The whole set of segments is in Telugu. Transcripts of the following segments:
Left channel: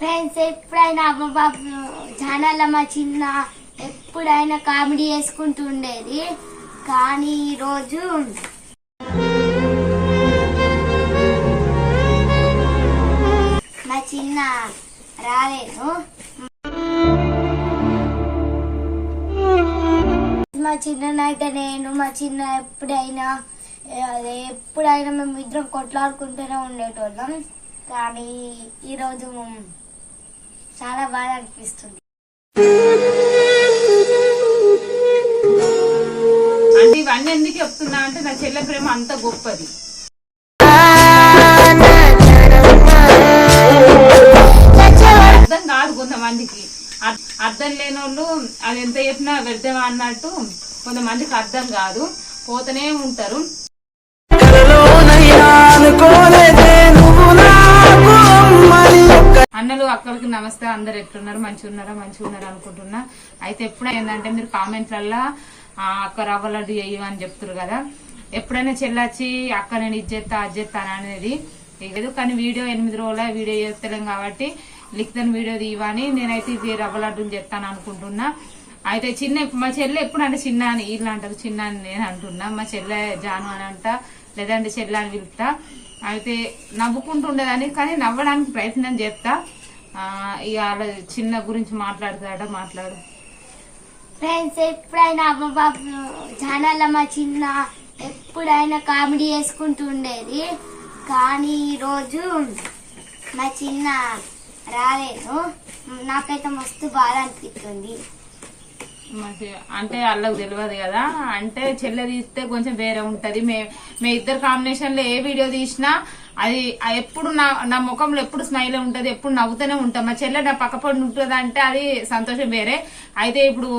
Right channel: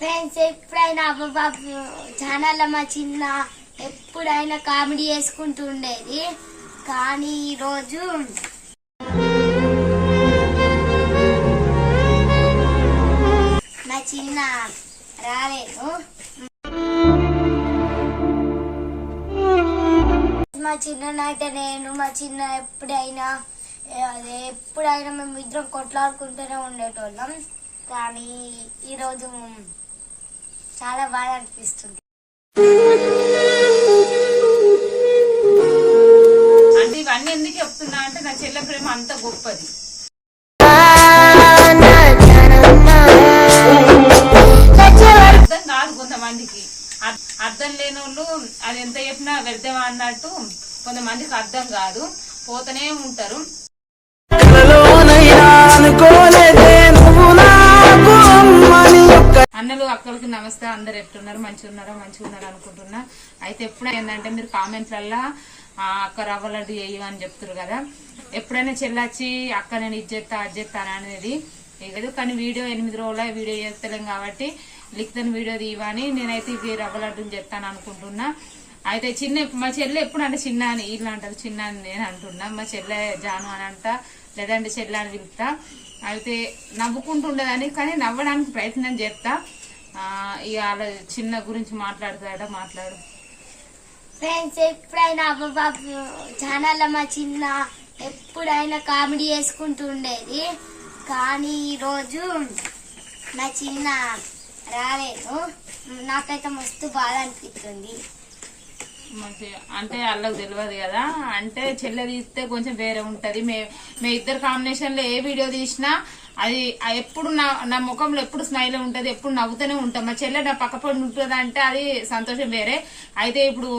ఫ్రెండ్స్ ఎప్పుడైనా అబ్బబాబు ఛానల్ మా చిన్న ఎప్పుడైనా కామెడీ చేసుకుంటూ ఉండేది. కానీ ఈరోజు మా చిన్న రాలేదు. మా చిన్ననైతే మా చిన్న ఎప్పుడైనా మేము ఇద్దరం కొట్లాడుకుంటూనే ఉండేటోళ్ళం. కానీ ఈరోజు చాలా బాగా అనిపిస్తుంది. అంటే ఇవన్నీ ఎందుకు చెప్తున్నా అంటే నా చెల్లె ప్రేమ అంత గొప్పది. అర్థం కాదు కొంతమందికి, అర్థం లేని వాళ్ళు అది ఎంత చెప్పినా వ్యర్థమా అన్నట్టు కొంతమందికి అర్థం కాదు, పోతూనే ఉంటారు. అన్నలు అక్కడికి నమస్తే, అందరు ఎట్లున్నారు, మంచిగా ఉన్నారా అనుకుంటున్నా. అయితే ఎప్పుడైనా ఏంటంటే మీరు కామెంట్లల్లా అక్క రవ్వ లడ్డు చేయమని చెప్తారు కదా. ఎప్పుడైనా చెల్లొచ్చి అక్క నేను ఇది చేస్తా అది చేస్తాను అనేది లేదు. కానీ వీడియో 8 రోజుల వీడియో చేస్తలేం కాబట్టి లిఖితని వీడియో తీయమని నేనైతే ఇది రవ్వ లడ్డుని చేస్తాను అనుకుంటున్నా. అయితే మా చెల్లె ఎప్పుడు అంటే చిన్న అని వీళ్ళు అంటారు, చిన్న అని నేను అంటున్నా. మా చెల్లె జాను అని అంట, లేదంటే చెల్లె అని పిలుస్తా. అయితే నవ్వుకుంటుండేదాన్ని, కానీ నవ్వడానికి ప్రయత్నం చేస్తా. ఇవాళ చిన్న గురించి మాట్లాడు. ఫ్రెండ్స్ ఎప్పుడైనా అబ్బబాబు ఛానల్ మా చిన్న ఎప్పుడైనా కామెడీ చేసుకుంటూ ఉండేది. కానీ ఈరోజు మా చిన్న రాలేదు. నాకైతే మస్తు బాధ అనిపిస్తుంది. అంటే వాళ్ళకి తెలియదు కదా, అంటే చెల్లె తీస్తే కొంచెం వేరే ఉంటది. మే ఇద్దరు కాంబినేషన్ లో ఏ వీడియో తీసినా అది ఎప్పుడు నా ముఖంలో ఎప్పుడు స్మైల్ ఉంటది, ఎప్పుడు నవ్వుతూనే ఉంటాం. మా చెల్లె నా పక్కపడి ఉంటుంది అంటే అది సంతోషం వేరే. అయితే ఇప్పుడు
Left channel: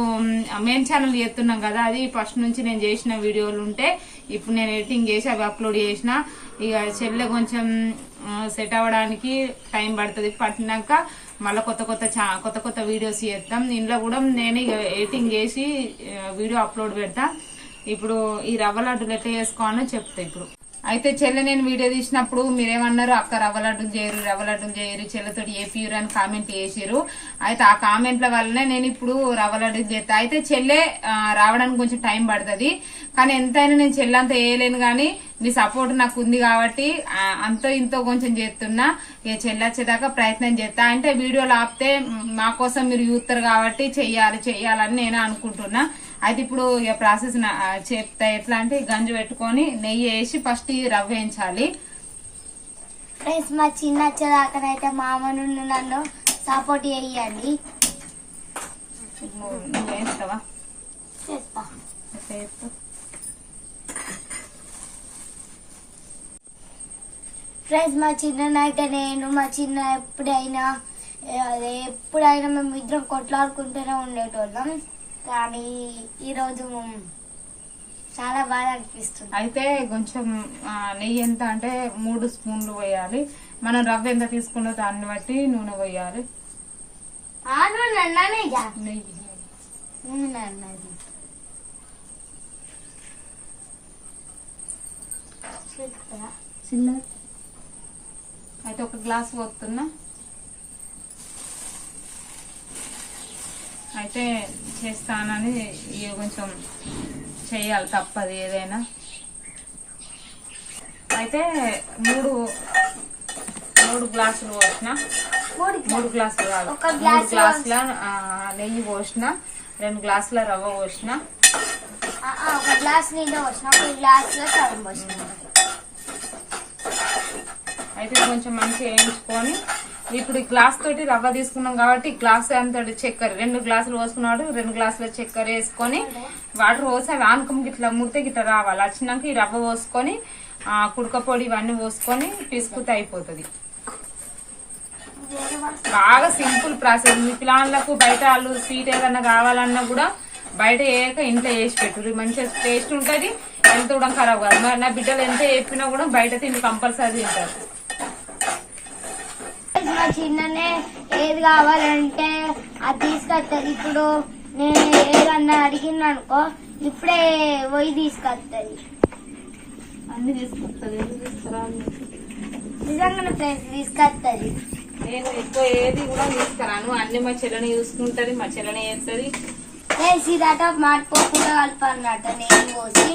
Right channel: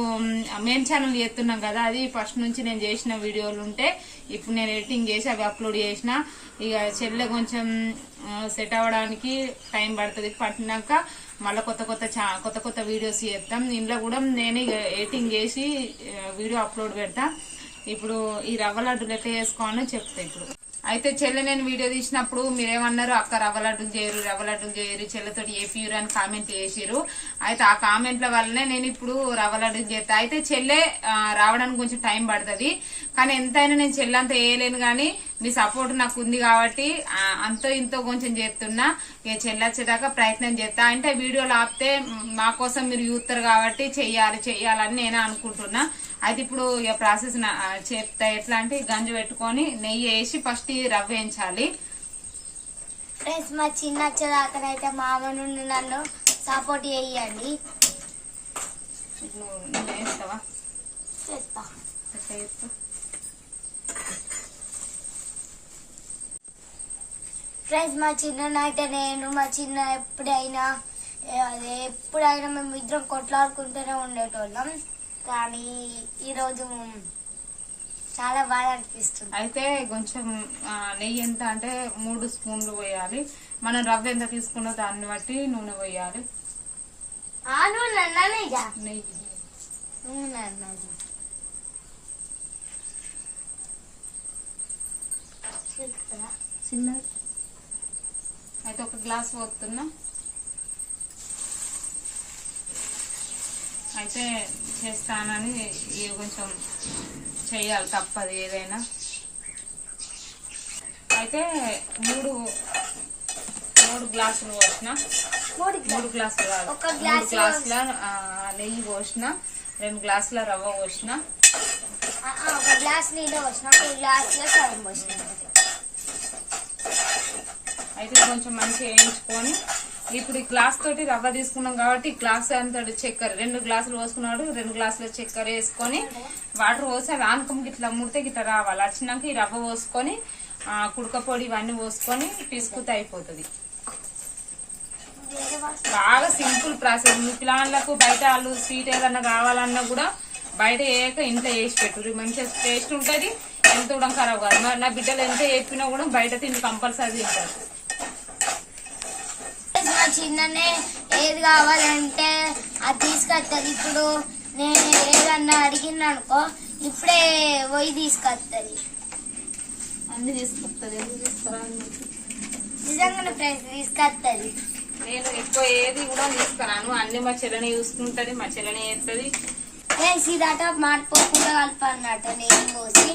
మెయిన్ ఛానల్ చేస్తున్నాం కదా, అది ఫస్ట్ నుంచి నేను చేసిన వీడియోలు ఉంటే ఇప్పుడు నేను ఎడిటింగ్ చేసి అవి అప్లోడ్ చేసిన. ఇక చెల్లె కొంచెం సెట్ అవ్వడానికి టైం పడుతుంది. పట్టినాక మళ్ళీ కొత్త వీడియోస్ చేస్తాం. ఇంట్లో కూడా నేను ఎడిటింగ్ చేసి వీడియో అప్లోడ్ పెడతా. ఇప్పుడు ఈ రవ్వ లడ్డులు ఎట్లా చేసుకోవాలని చెప్తా. ఇప్పుడు అయితే చెల్లె నేను వీడియో తీసినప్పుడు మీరేమన్నారు, అక్క రవ్వ లడ్డులు చేయరు చెల్లెతోటి ఏపీరు అని కామెంట్ చేసిరు. అయితే ఆ కామెంట్ల వల్లనే నేను ఇప్పుడు రవ్వ లడ్డులు చేస్తా. అయితే చెల్లె రావడానికి కొంచెం టైం పడుతుంది, కానీ ఎంతైనా నేను చెల్లెంతా వేయలేను. కానీ మీ సపోర్ట్ నాకు ఉంది కాబట్టి అంతో ఇంతో కొంచెం చేస్తున్నా. ఇక చెల్లొచ్చేదాకా ప్రయత్నం చేస్తా. అంటే వీడియోలు ఆపితే మా కోసం మీరు చూస్తారు కాబట్టి చెయ్యాలని నేను అనుకుంటున్నా. అయితే ఇప్పుడు ఇక ప్రాసెస్ చెప్తా. ఎట్లా అంటే గంజి పెట్టుకొని నెయ్యి వేసి ఫస్ట్ ఇది రవ్వ వేయించాలి. ఫ్రెండ్స్ మా చిన్న వచ్చేదాకానైతే మామ నుండి నన్ను సపోర్ట్ చేయండి. నువ్వు వేస్తావా? చేస్తా. ఫ్రెండ్స్ మా చిన్ననైతే మా చిన్న ఎప్పుడైనా మేము ఇద్దరం కొట్లాడుకుంటూనే ఉండేటోళ్ళం. కానీ ఈరోజు చాలా బాగా అనిపిస్తుంది. అయితే కొంచెం నెయ్యి ఎంత అంటే 3 స్పూన్లు పోయాలి. మనం రవ్వ ఎంత తీసుకున్నో దాన్ని బట్టి నూనె పోయాలి. అయితే 1 గ్లాస్ పోతున్నా. అయితే చేస్తానని కొంచెం చెయ్యాలి, తప్పదు ఏదైనా. అయితే 3 గ్లాసులు పోసిన, 3 గ్లాసులు కాదు 3 గ్లాసుల నెయ్యి పోసిన, 2 గ్లాసుల రవ్వ పోసిన, 1 గ్లాస్ నీళ్ళు పోసిన, 1 గ్లాసుల సగం పోసిన. అయితే కొంచెం మంచిగా వేయించుకొని ఇప్పుడు ఈ గ్లాస్ తోటి రవ్వ తీసుకున్నాం కాబట్టి ఈ గ్లాస్ అంతటి చక్కెర 2 గ్లాసులు పోసుకున్నాడు. 2 గ్లాసుల చక్కెర వేసుకొని వాటర్ పోసి అవి ఆనుకం గిట్లా ముడితే గిట్లా రావాలి. వచ్చినాక ఈ రవ్వ పోసుకొని కుడక పొడి ఇవన్నీ పోసుకొని పిసుకుతే అయిపోతుంది. బాగా సింపుల్ ప్రాసెస్. మీ పిల్లలకు బయట వాళ్ళు స్వీట్ ఏదన్నా కావాలన్నా కూడా బయట వేయక ఇంట్లో వేసి పెట్టుర్రు, మంచిగా టేస్ట్ ఉంటుంది. ఎంత కూడా ఖరాబ్ కాదు. నా బిడ్డలు ఎంత చెప్పినా కూడా బయట తిండి కంపల్సరీ తింటారు. మా చిన్ననే ఏది కావాలంటే అది తీసుకొస్తుంది. ఇప్పుడు నేను ఏదన్నా అడిగింది అనుకో ఇప్పుడే పోయి తీసుకొస్తుంది. అన్ని తీసుకొస్తుంది. నిజంగానే ఫ్రెండ్స్ తీసుకొస్తుంది. నేను ఎక్కువ ఏది కూడా తీసుకురాను, అన్ని మా చెల్లెని చూసుకుంటది, మా చెల్లెని చేస్తుంది. సీదాట మాడిపోకుండా కలపన్నట నేను పోసి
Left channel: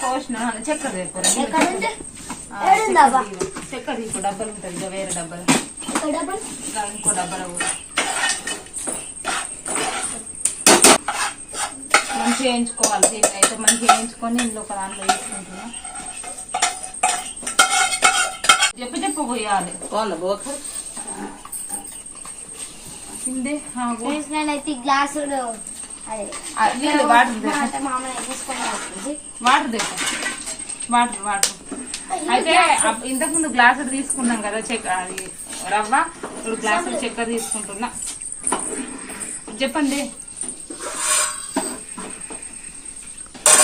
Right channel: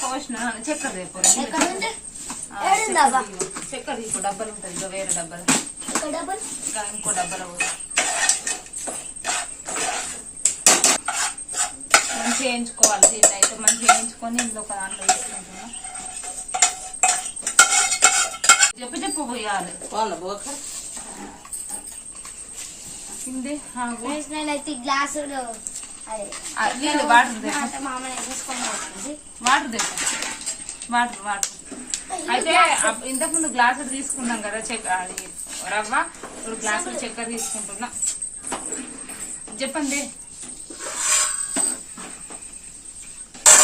పోసిన చక్కెర రేపు చక్కెర ఇంకో డబ్బాలు ఉంటుంది ఇంకా వేరే డబ్బాలు ఇంకా ఇంకో డబ్బాలు మంచిగా వేయించుకోవాలి. దీన్ని అయితే మంచిగా వేయించుకొని ఇందులో ఒక దాంట్లో వేసుకుంటున్నా. చెప్పు పోయాలి కిందే నేనైతే గ్లాసు నీళ్ళు వాటర్ వాటర్ వాటర్ అయితే ఇంతకుముందు గ్లాసులు తీసుకున్నాం కదా అది రవ్వ, ఇప్పుడు గ్లాసులు చక్కెర తీసుకుంటున్నా. చెప్పండి.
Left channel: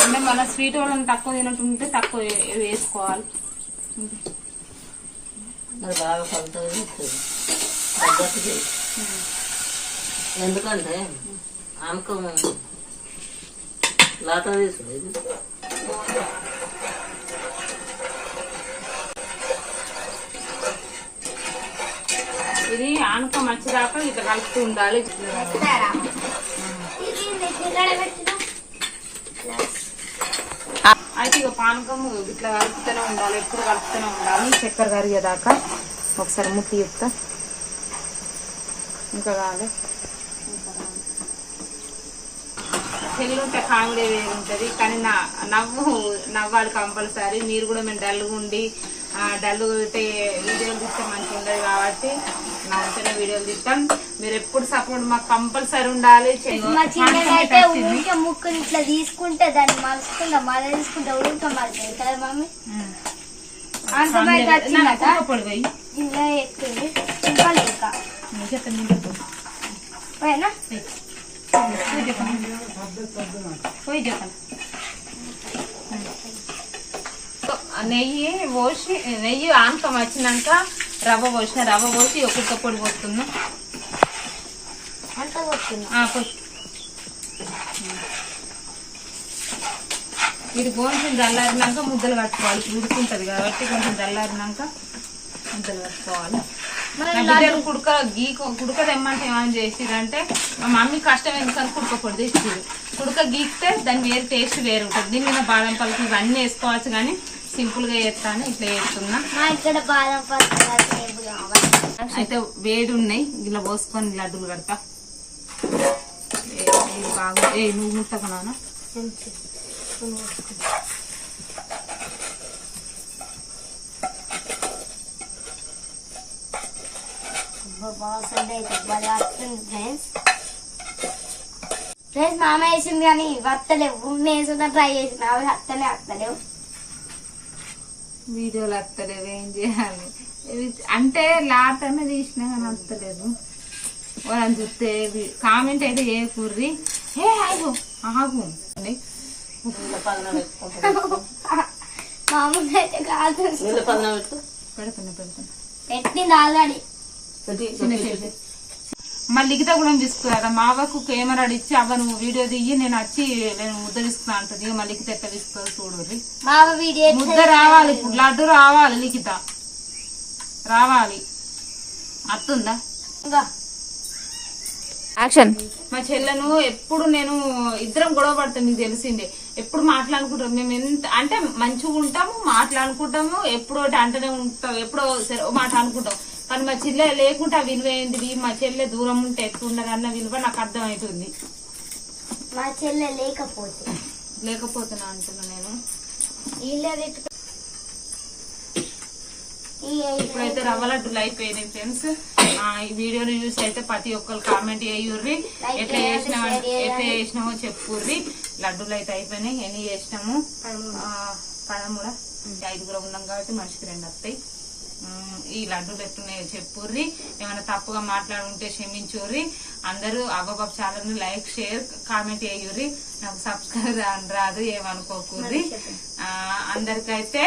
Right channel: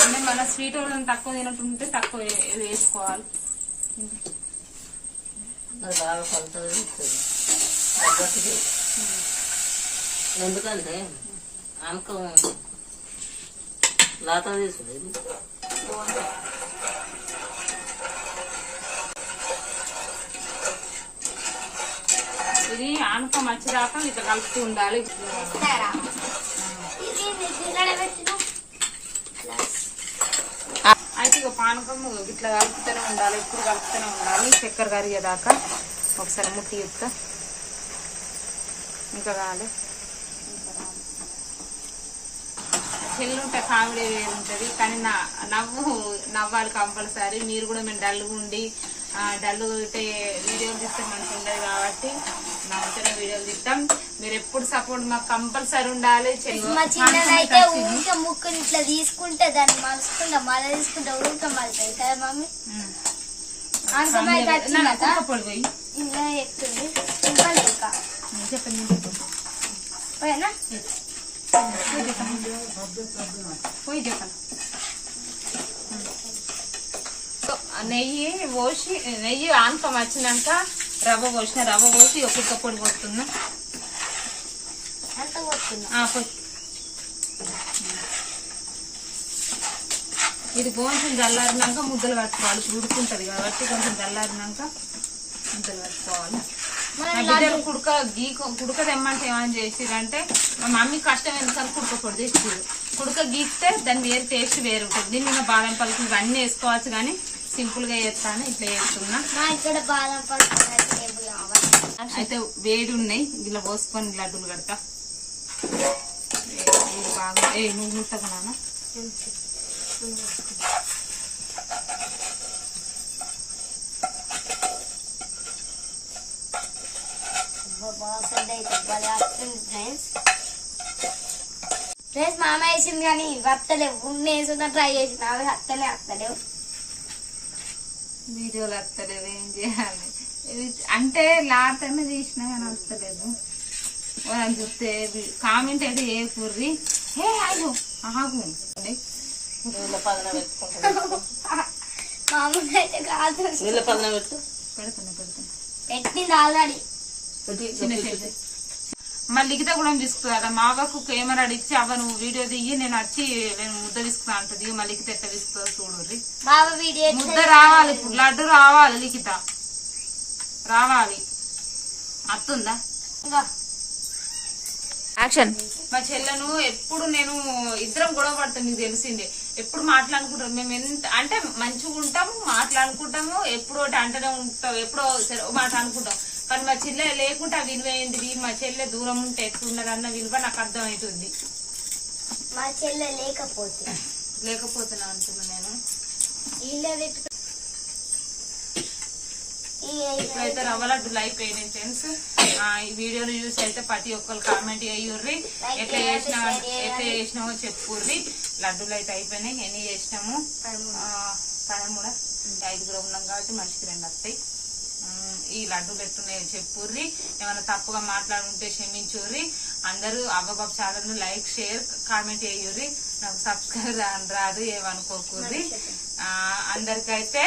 అంటే మన స్వీట్ వాళ్ళని తక్కువ తినట్టుంటే తక్కువ వేసుకోవాలి. ఎందుకంటే ఆమెకు లాత తీసుడు ఇది ఆనకం వచ్చేదాకా ఇట్లా కలుపుతూ ఉండాలి. అయితే ఇక పానకం ఇట్లా కలుపుతూనే ఉండాలి, ఎప్పుడు కలుపుతూనే ఉండాలి. చక్కెర కరిగేదాకా ఒకసారి ముట్టి చెప్తా. ఇంకా కాదు చెల్లుంటే కామెడీ వేరు ఉంటుంది, కానీ నవ్వాలి కంపల్సరీ. మీరు కూడా మేము డల్గా ఉండి డల్లు వీడియోలు తీస్తే మంచిగా ఉండదు కాబట్టి నవ్వుతూనే వీడియోలు తీస్తాం. మీరు ఎప్పుడు సపోర్ట్ మాకు కంపల్సరీ ఉండాలి. అయితే ఊరికే ముక్కుని ఇట్లా తీసుకుంటే దాన్ని మలుచుకుంటా మళ్ళీ తీసుకుంటా ఊరికే మలుతుంది కదా మమ్మీ. పొడిపోయి ఇలా ఎక్కుంది చెప్పండి పోయి చెప్పండి. నెయ్యి ఆనకం వచ్చినాక రవ్వ పోసి ఒక్కొక్క పొడి పోస్తున్నా. ఇది కొంచెం చల్లారినాక ముద్దలు కట్టుకోవాలి. ఇప్పుడు ఉడుకుంటది కాబట్టి కొంచెం చల్లారినాక ముద్దలు కట్టుకోవాలి. బిడ్డలు కుడక తెమ్మంటే ఏమని చేసిరంటే మా మమ్మీ కష్టం ఎందుకని కుడక పొడి తెచ్చిరు. కుడక గీకితే దాని వేరే టేస్ట్ వేరు ఉంటుంది. దీని మీద బాదం పలుకు ఇవన్నీ వేసుకోవచ్చు, కానీ సింపుల్ గా చేస్తాను ఇట్లా చేస్తున్నా. అయితే వేడి ఉన్నాయి, ఇలా పోసుకొని లడ్డూలు కడతా. బాగా నువ్వు ముట్టకున్నా ఫ్రెండ్స్ మామ వేసింది కానీ వస్తలేవు. నేను ట్రై చేసిన అవి వస్తలేవు. వీడియోలు వస్తలేవు, ఏం చేయాలి అంటే లాతనే తీసినా కానీ వస్తలేదు. వాళ్ళని చూస్తే కామెంట్ అయితే ఏ కుర్రి హే ఆగు ఆగు మామూలుగా అయితే కాదు పెడుతున్నా పెట్టింది ఆల్రెడీ. మళ్ళీ లిఖిత కూడా తీసుకురా మా అవ్వకు కెమెరా ఇచ్చి అవ్వ నువ్వు వీడియో దిగి నేను వచ్చి నేను ముద్ద తీసుకున్నా అంటది. మళ్ళీ లిఖిత ఎట్లా తీసుకుంటుంది చూడుర్రి. ముద్ద రావాలి, ఇప్పుడు లడ్డు రావాలి, లిఖిత రావాలి. అత్తుందా యాక్షన్. మా చెల్లెను ఎప్పుడు నేను ఇద్దరం గొడవ పడతాం, మీకు తెలిసిందే. ఎప్పుడు మాట్లాడుకుంటాం మేము, ఎంత అంటే మంచిగా ఉంటాము, మాట్లాడుకుంటాము, ఎప్పుడో అంటనే ఉంటాం, ఎప్పుడో మాట అనుకుంటాం. కానీ మా చెల్లె లేకుంటే ఆ విలువ ఏంటిది, మా చెల్లె దూరం ఉంటే ఎట్లుండదన్న విలువ నాకు అర్థమవుతుంది. మా చెల్లె లేకపోతున్నా అంటున్నా నేను. ఇప్పుడైతే రవ్వ లడ్డులు అయిపోయినాయి ఫ్రెండ్స్. ఈ వీడియోని చూసి అయితే ప్రతి ఒక్కరు కామెంట్ చేయుర్రి, ఎట్లా చేసినామో చెప్పుర్రి. లడ్డూలు అయితే అయిపోయినాయి. ఎన్ని చేసినాము 13, 5 ఉన్నాం కాబట్టి మనిషికి 2 వస్తాయి. ఈ లడ్డూలు ఎట్టున్నాయో చెప్పుర్రి. ఏమైనా తప్పుగా మాట్లాడుంటే క్షమించుర్రి. అందరూ అవ్వబాబు ఛానల్ లైక్ షేర్ కామెంట్ చేయుర్రి. నాకు సబ్స్క్రైబ్ రాదు ఏమనుకోకూర్రి. అందరికైతే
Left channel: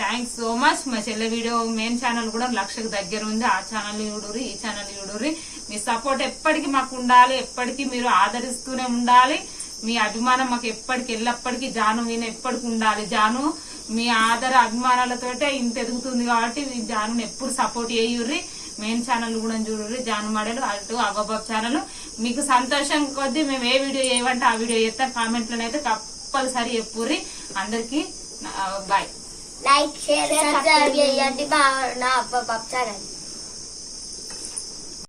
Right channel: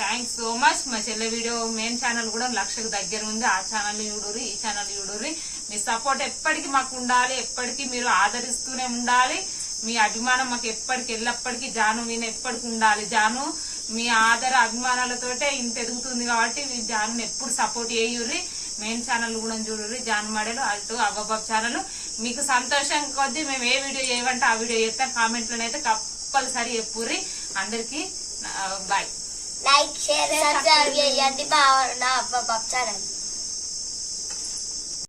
థ్యాంక్స్ సో మచ్. మా చెల్లె వీడియో మెయిన్ ఛానల్ కూడా 1,00,000కు దగ్గర ఉంది. ఆ ఛానల్ చూడుర్రి, ఈ ఛానల్ చూడుర్రి. మీ సపోర్ట్ ఎప్పటికీ మాకు ఉండాలి, ఎప్పటికీ మీరు ఆదరిస్తూనే ఉండాలి. మీ అభిమానం మాకు ఎప్పటికి ఎల్లప్పటికీ జాను విన ఎప్పటికి ఉండాలి. జాను మీ ఆదర అభిమానాలతోటే ఇంత ఎదుగుతుంది కాబట్టి జాను ఎప్పుడు సపోర్ట్ చేయుర్రి. మెయిన్ ఛానల్ కూడా చూడుర్రి, జాను మడలు అటు అవ్వబాబు ఛానల్. మీకు సంతోషం కొద్దీ మేము ఏ వీడియో చేయమంటే ఆ వీడియో చేస్తాం. కామెంట్లోనైతే కంపల్సరీ చెప్పుర్రి. అందరికి బాయ్. లైక్ షేర్ సబ్స్క్రైబ్ చేయండి. బాగా అవ్వబాబు ఛానల్.